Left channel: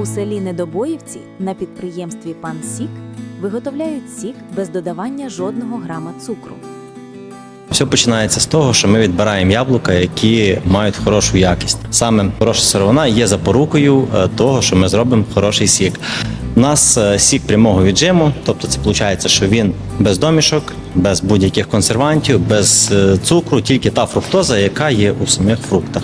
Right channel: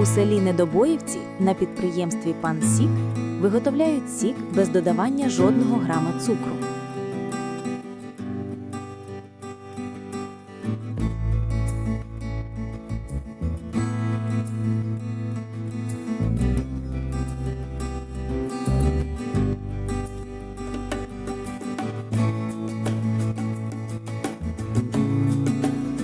У селі Недобоївці на підприємстві Пан Сік виготовляють сік без додавання жодного грама цукру. Все починається з того, що ми відбираємо яблука, які мають хорошу якість. Саме хороша сировина є запорукою е, того, що ми зробимо хороший сік. У нас е, сік прямого віджиму, тобто це виходить, що він без домішок, без будь-яких консервантів, без е, цукру, тільки та фруктоза, яка є у самих фруктах.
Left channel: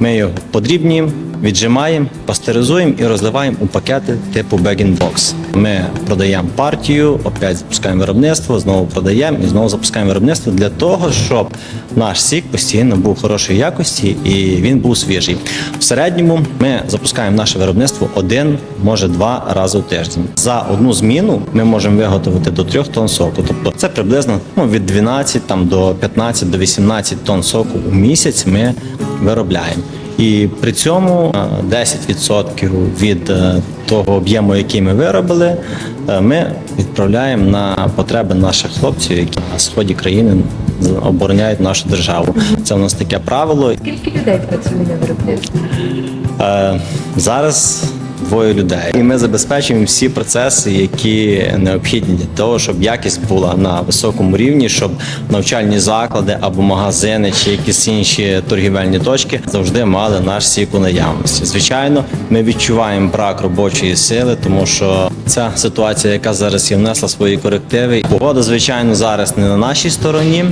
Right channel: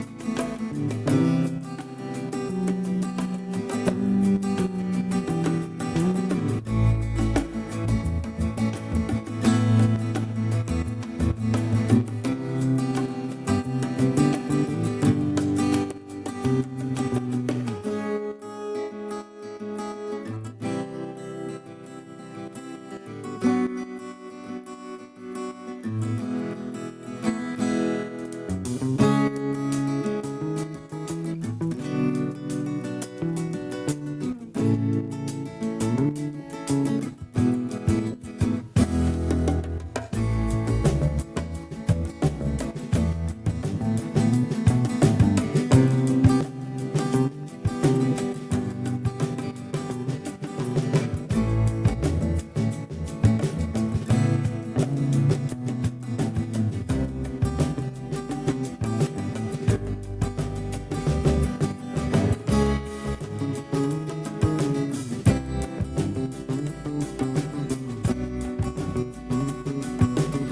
Ми його подрібнюємо, віджимаємо, пастеризуємо і розливаємо у пакети типу bag-in-box. Ми продаємо партію, опять запускаємо виробництво, знову продаємо і знову запускаємо виробництво для того, щоб наш сік постійно був хорошої якості і він був свіжий. В середньому ми запускаємо наше виробництво один, може два рази в тиждень. За одну зміну ми можемо виготовити до 3 тонн соку. Тобто це приблизно ну, від 12 там, до 15 до 18 тонн соку у місяць ми виробляємо. І при цьому е, 10% від е, того об'єму, який ми виробили, е, ми відправляємо на потреби наших хлопців, які на сході країни обороняють нашу державу. Це у нас таке правило. Скільки людей працює на виробництві? Е, Зараз двоє людей, і ми забезпечуємо всі процеси, які необхідні для того, щоб якість була на високому рівні, щоб навчальні заклади або магазини чи якісь інші торгівельні точки завжди мали наш сік у наявності. Звичайно, ми відчуваємо брак робочої сили, тому що ця ситуація, яка зараз є, внесла свої корективи. Погода, звичайно, зараз не на нашій стороні.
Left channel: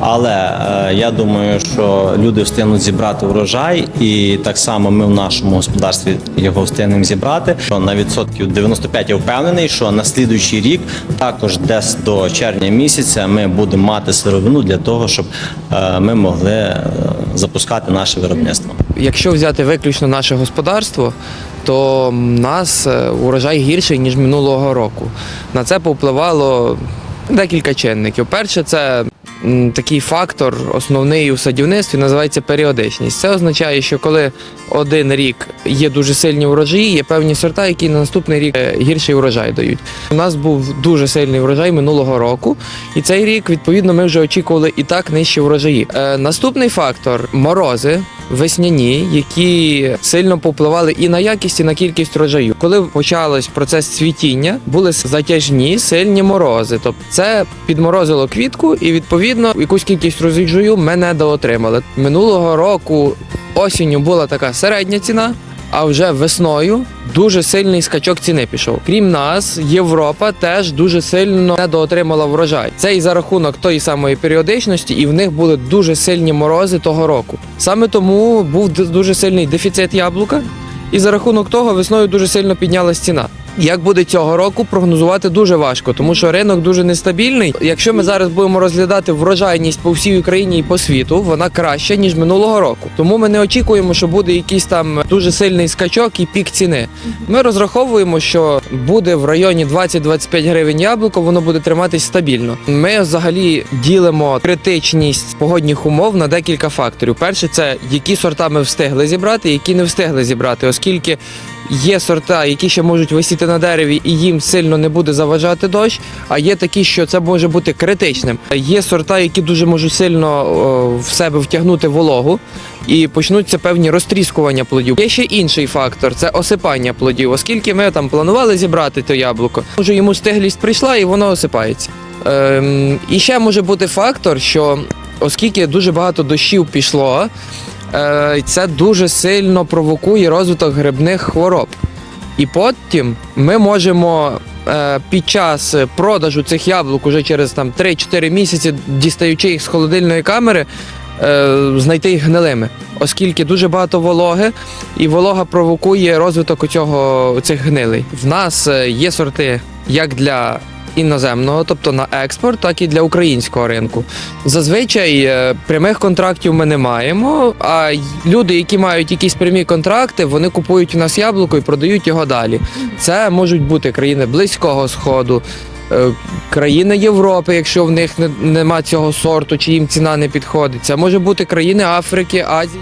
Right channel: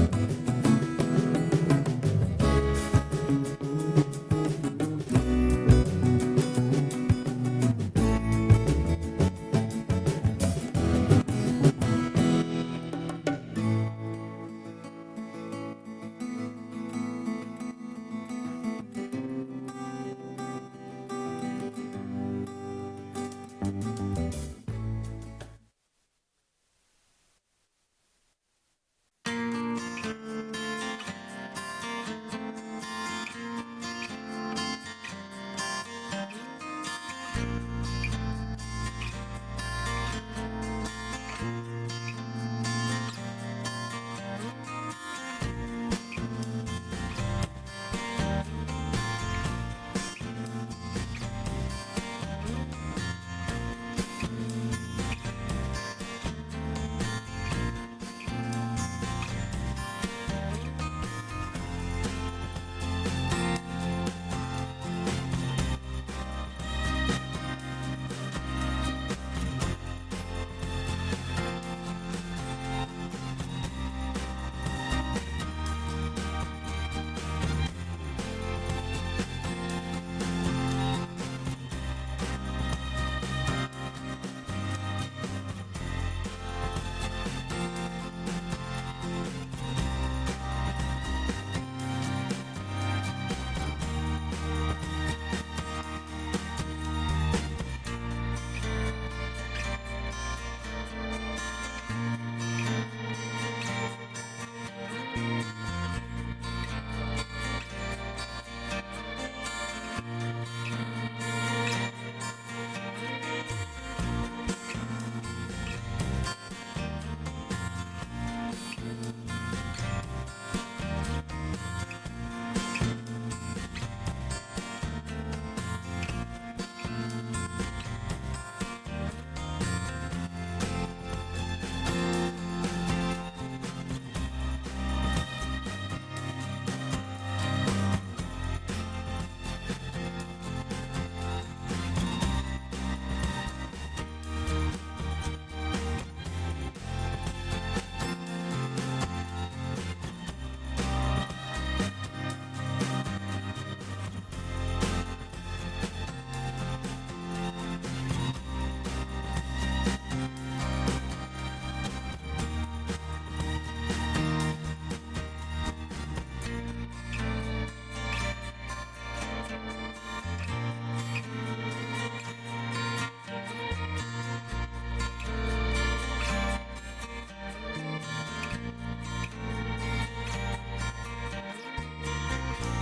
Але е, я думаю, що люди встигнуть зібрати врожай, і так само ми в нашому господарстві його встигнемо зібрати. Що на відсотків 95 я впевнений, що на слідуючий рік, також десь до червня місяця, ми будемо мати сировину для того, щоб е, ми могли е, запускати наше виробництво. Якщо взяти виключно наше господарство, то в нас е, урожай гірший ніж минулого року. На це повпливало декілька чинників. Перше, це такий фактор, основний у садівництві, називається періодичність. Це означає, що коли один рік є дуже сильні урожаї, є певні сорта, які на наступний рік е, гірший урожай дають. У нас був дуже сильний урожай минулого року, і цей рік, відповідно, ми вже очікували і так нижчі урожаї. Е, наступний фактор морози весняні, які сильно повпливали і на якість, і на кількість врожаю. Коли почався процес цвітіння, були затяжні сильні морози. Тобто це підморозило квітку, і відповідно якусь кількість врожаю ми недоотримали. Минулого року осінню була така середня ціна. А вже весною дуже сильний скачок ціни пішов. Крім нас, Європа теж дуже сильно недоотримала врожай. Це і за рахунок тої самої періодичності, і в них були дуже сильні морози того року. Саме тому був дуже сильний дефіцит яблука, і за рахунок того весною дуже сильно піднялась ціна. Як буде цього року, прогнозувати дуже важко, тому що ринок дуже нестабільний. Якщо ми зараз будемо розглядати врожайність по всій Україні і по світу, вона краща ніж минулого року. Тому ми не очікуємо, що буде якийсь там дуже сильний скачок і пік ціни. Ми розраховуємо, що буде в районі 20-25 гривень яблуко, воно буде триматись стабільно. Ми взагалі ділимо критичність погодних умов на декілька факторів. Перше, це які сорта ми встигли зібрати, які не встигли зібрати, оскільки є сорта, які ще можуть висіти на дереві, і їм сильно не буде заважати дощ. А є такі, що це може бути критичним. Є сорта, які дуже можуть сильно в себе втягнути вологу, і почнуться певні розтріскування плодів. Є ще інший фактор це осипання плодів, оскільки ми там планували зібрати то яблуко. Може йому стиглість прийшла і воно осипається. Ем, і ще може бути фактор, що оскільки дуже багато дощів пішло, це дуже сильно провокує розвиток грибних хвороб. І потім ми можемо е, під час продажу цих яблук уже через там 3-4 місяці, дістаючи їх з холодильної камери, е, знайти їх гнилими, оскільки дуже багато вологи, і волога провокує розвиток цього цих гнилей. В нас е, є сорти як для іноземного, тобто на експорт, так і для українського ринку. Зазвичай е, прямих контрактів ми не маємо. А люди, які мають якісь прямі контракти, вони купують у нас яблуко і продають його далі. Це можуть бути країни Близького Сходу. е, Країни Європи, якщо в них нема цього сорту, чи їм ціна не підходить. Це може бути країни Африки, Азії.